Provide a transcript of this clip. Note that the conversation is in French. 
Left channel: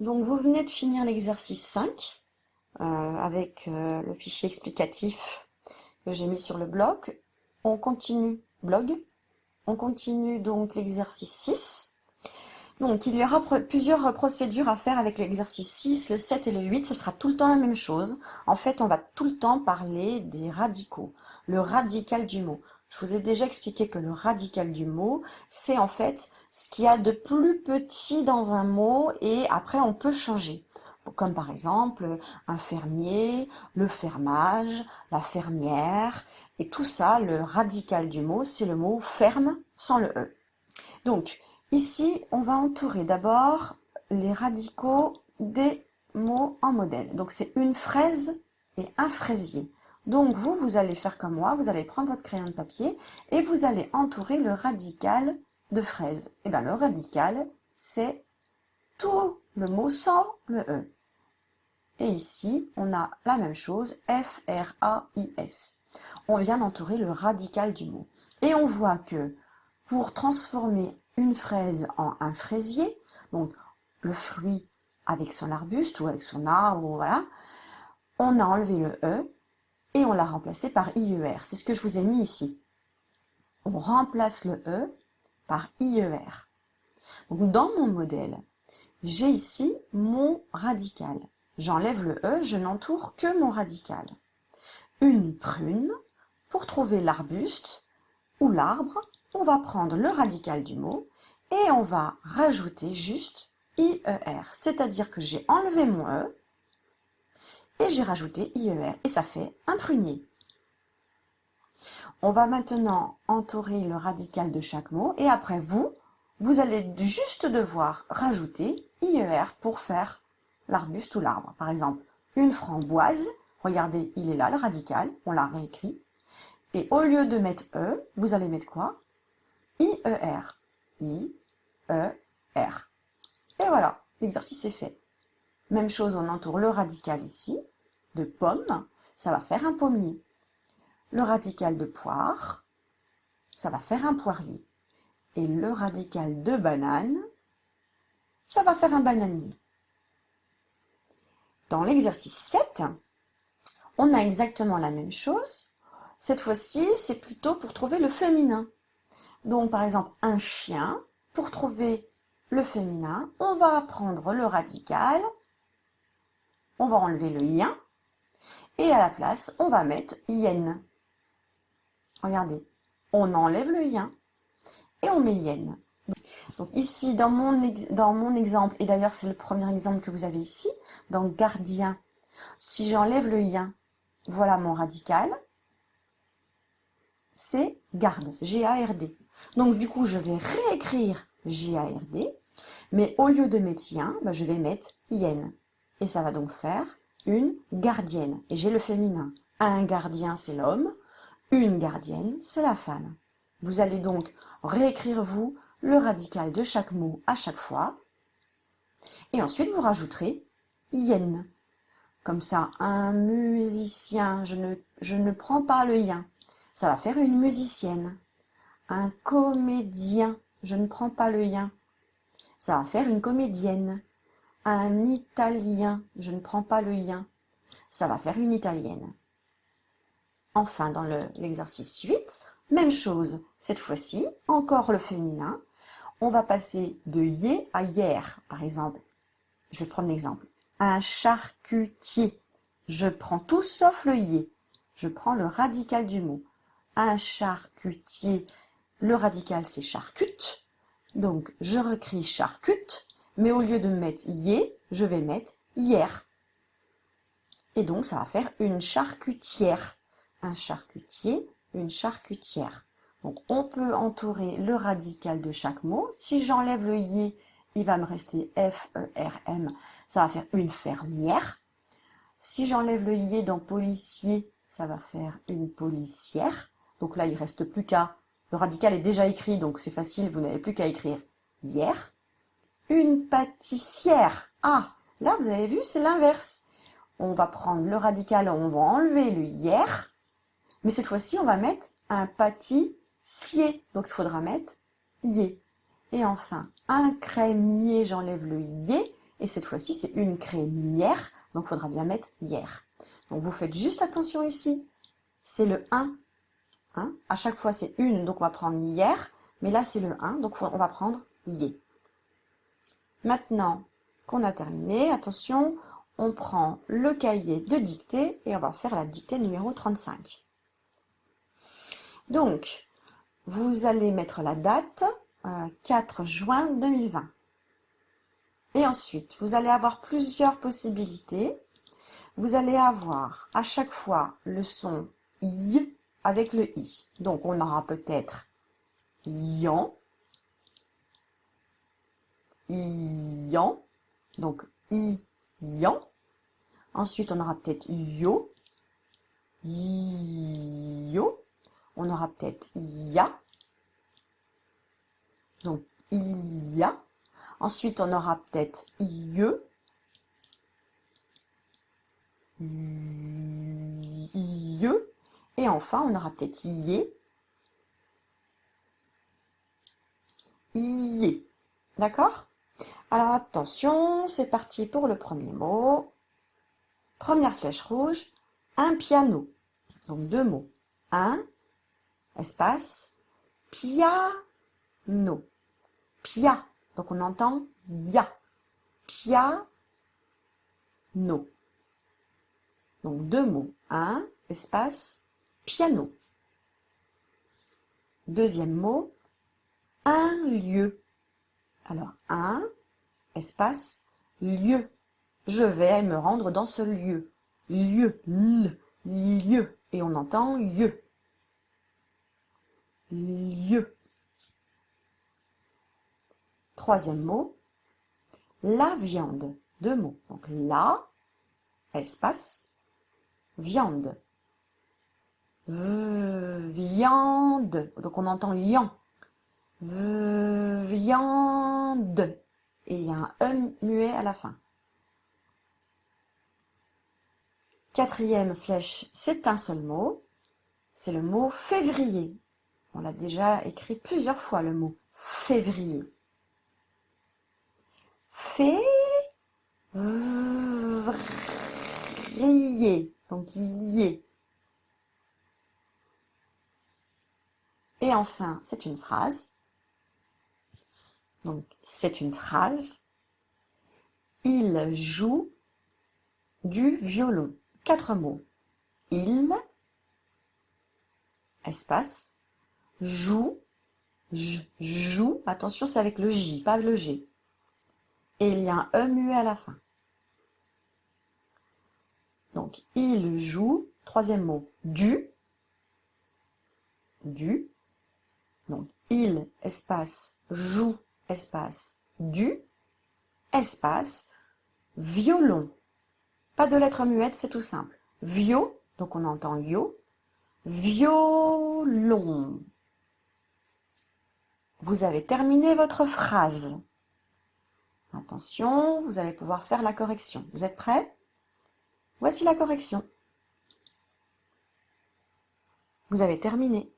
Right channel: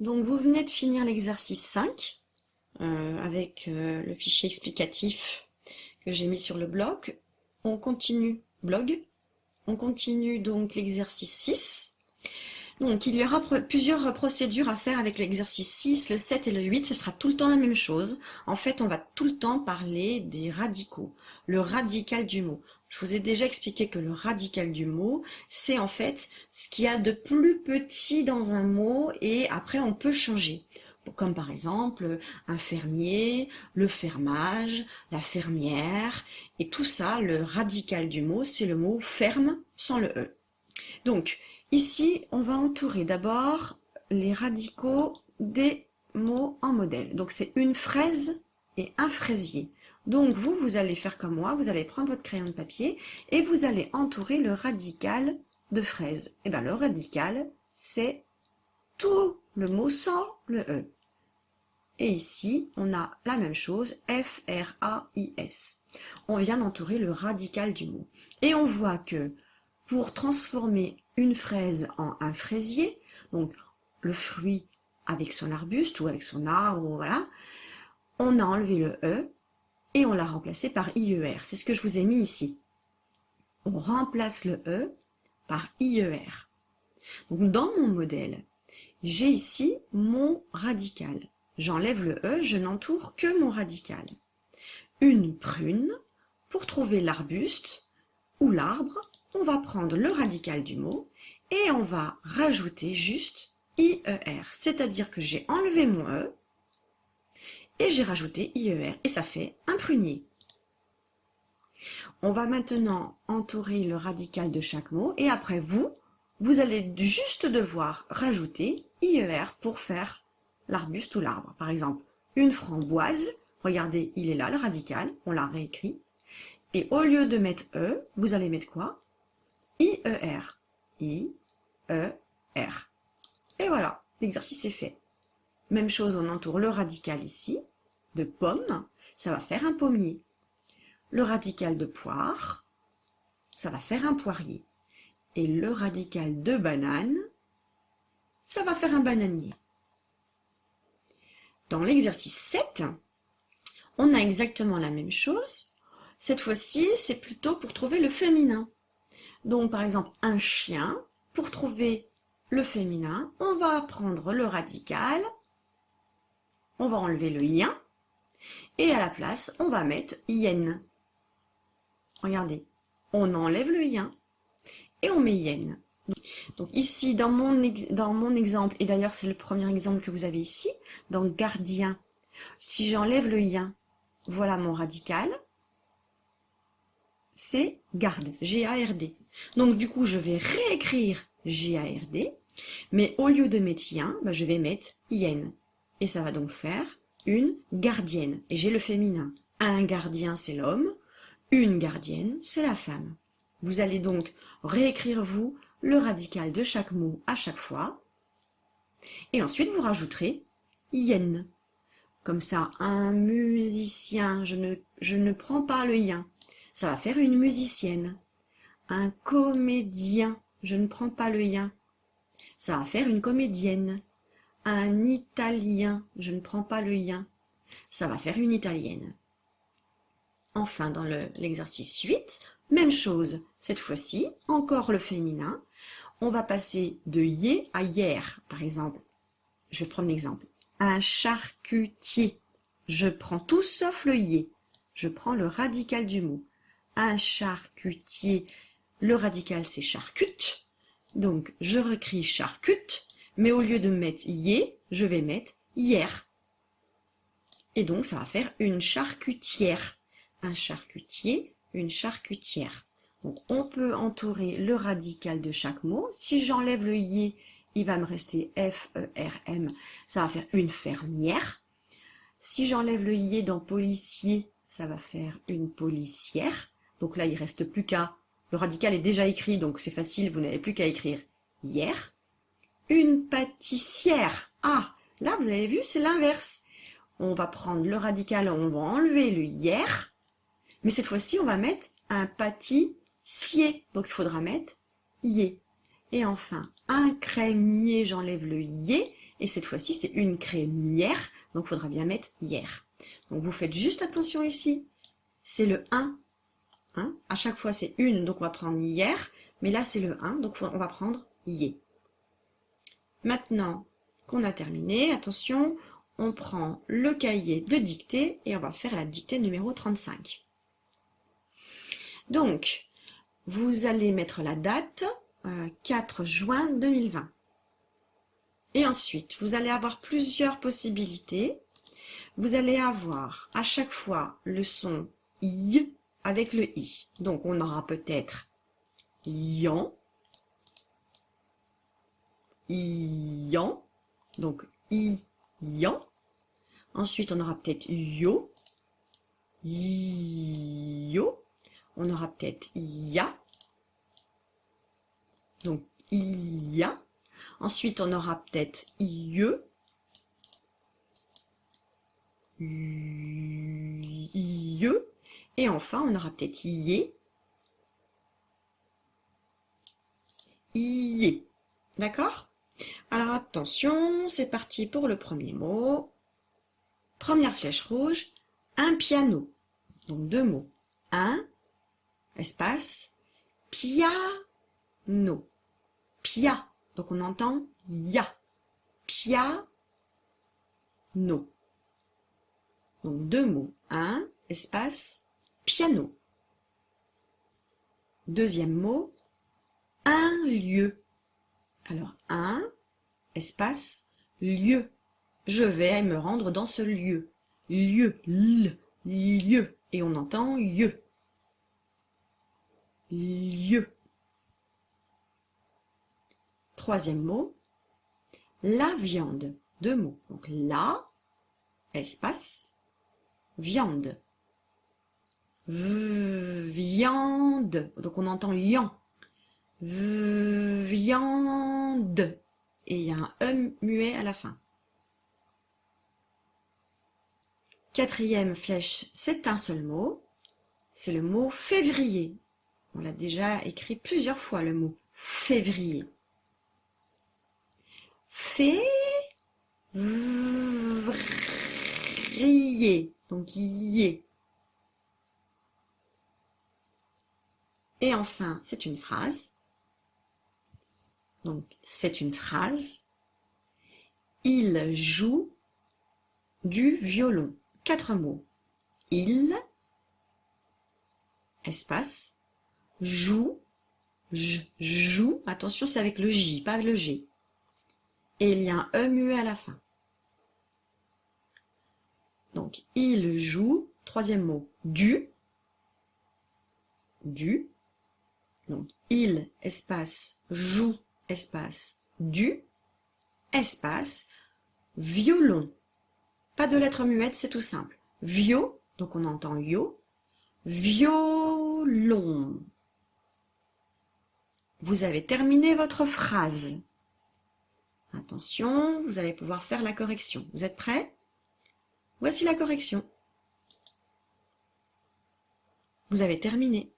Donc vous venez de finir l'exercice 5 avec le fichier explicatif que j'ai mis sur le blog. On continue On continue donc l'exercice 6. Donc il y aura plusieurs procédures à faire avec l'exercice 6, le 7 et le 8. Ce sera tout le temps la même chose. En fait, on va tout le temps parler des radicaux, le radical du mot. Je vous ai déjà expliqué que le radical du mot, c'est en fait ce qu'il y a de plus petit dans un mot et après on peut changer. Comme par exemple un fermier, le fermage, la fermière, et tout ça, le radical du mot, c'est le mot ferme sans le E. Donc, ici, on va entourer d'abord les radicaux des mots en modèle. Donc, c'est une fraise et un fraisier. Donc, vous allez faire comme moi, vous allez prendre votre crayon de papier et vous allez entourer le radical de fraise. Et bien, le radical, c'est tout le mot sans le E. Et ici, on a la même chose, F-R-A-I-S. On vient d'entourer le radical du mot. Et on voit que pour transformer une fraise en un fraisier, donc le fruit avec son arbuste ou avec son arbre, voilà, on a enlevé le E et on l'a remplacé par IER. C'est ce que je vous ai mis ici. On remplace le E par IER. Donc dans mon modèle, j'ai ici mon radical. J'enlève le E, je n'entoure que mon radical. Une prune, pour trouver l'arbuste ou l'arbre, on va prendre le radical du mot et on va rajouter juste IER. C'est-à-dire que j'ai enlevé mon E et j'ai rajouté IER et ça fait un prunier. On va maintenant entourer le radical de chaque mot et après vous allez juste devoir rajouter IER pour faire l'arbuste ou l'arbre. Par exemple, une framboise, regardez, il est là le radical, on l'a réécrit. Et au lieu de mettre E, vous allez mettre quoi? IER. IER. Et voilà, l'exercice est fait. Même chose, on entoure le radical ici, de pomme, ça va faire un pommier. Le radical de poire, ça va faire un poirier. Et le radical de banane, ça va faire un bananier. Dans l'exercice 7, on a exactement la même chose. Cette fois-ci, c'est plutôt pour trouver le féminin. Donc, par exemple, un chien, pour trouver le féminin, on va prendre le radical, on va enlever le ien, et à la place, on va mettre yen. Regardez, on enlève le yen et on met yen. Donc ici, dans mon exemple, et d'ailleurs c'est le premier exemple que vous avez ici, dans gardien, si j'enlève le yen, voilà mon radical, c'est garde, G-A-R-D. Donc du coup, je vais réécrire G-A-R-D, mais au lieu de mettre yen, je vais mettre yen. Et ça va donc faire une gardienne. Et j'ai le féminin. Un gardien, c'est l'homme. Une gardienne, c'est la femme. Vous allez donc réécrire, vous, le radical de chaque mot à chaque fois. Et ensuite, vous rajouterez yen. Comme ça, un musicien, je ne prends pas le yen. Ça va faire une musicienne. Un comédien, je ne prends pas le yen. Ça va faire une comédienne. Un italien, je ne prends pas le yen. Ça va faire une italienne. Enfin, dans l'exercice 8, même chose. Cette fois-ci, encore le féminin. On va passer de yé à hier, par exemple. Je vais prendre l'exemple. Un charcutier. Je prends tout sauf le yé. Je prends le radical du mot. Un charcutier. Le radical, c'est charcute. Donc, je recris charcute, mais au lieu de mettre yé, je vais mettre hier. Et donc, ça va faire une charcutière. Un charcutier, une charcutière. Donc, on peut entourer le radical de chaque mot. Si j'enlève le yé, il va me rester F-E-R-M. Ça va faire une fermière. Si j'enlève le yé dans policier, ça va faire une policière. Donc là, il ne reste plus qu'à... Le radical est déjà écrit, donc c'est facile, vous n'avez plus qu'à écrire hier. Une pâtissière. Ah, là, vous avez vu, c'est l'inverse. On va prendre le radical, on va enlever le hier. Mais cette fois-ci, on va mettre un pâtissier. Donc, il faudra mettre yé. Et enfin, un crémier, j'enlève le yé Et cette fois-ci, c'est une crémière, donc il faudra bien mettre hier. Donc vous faites juste attention ici, c'est le 1. Hein? À chaque fois, c'est une, donc on va prendre hier. Mais là, c'est le 1, donc on va prendre yé. Maintenant qu'on a terminé, attention, on prend le cahier de dictée et on va faire la dictée numéro 35. Donc, vous allez mettre la date 4 juin 2020. Et ensuite, vous allez avoir plusieurs possibilités. Vous allez avoir à chaque fois le son I avec le I. Donc, on aura peut-être yan, iyan, donc iyan. Ensuite, on aura peut-être yo, yo. On aura peut-être ya, donc ia. Ensuite, on aura peut-être ie, ie. Et enfin, on aura peut-être yé, ié. D'accord? Alors attention, c'est parti pour le premier mot. Première flèche rouge, un piano. Donc deux mots. Un, espace, piano. Pia. Donc on entend ya. Piano. Donc deux mots. Un, espace, piano. Deuxième mot, un lieu. Alors un, espace, lieu. Je vais me rendre dans ce lieu. Lieu, lieu. Et on entend lieu. Lieu. Troisième mot, la viande. Deux mots. Donc la, espace, viande. Viande. Donc on entend yan. Viande. Et il y a un E muet à la fin. Quatrième flèche, c'est un seul mot. C'est le mot février. On l'a déjà écrit plusieurs fois, le mot février. Février. Donc yé. Et enfin, c'est une phrase. Donc, c'est une phrase. Il joue du violon. 4 mots. Il, espace, joue, joue. Attention, c'est avec le J, pas le G. Et il y a un E muet à la fin. Donc, il joue. Troisième mot, du. Donc, il, espace, joue, espace, du, espace, violon. Pas de lettre muette, c'est tout simple. Vio, donc on entend yo, violon. Vous avez terminé votre phrase. Attention, vous allez pouvoir faire la correction. Vous êtes prêts? Voici la correction. Vous avez terminé.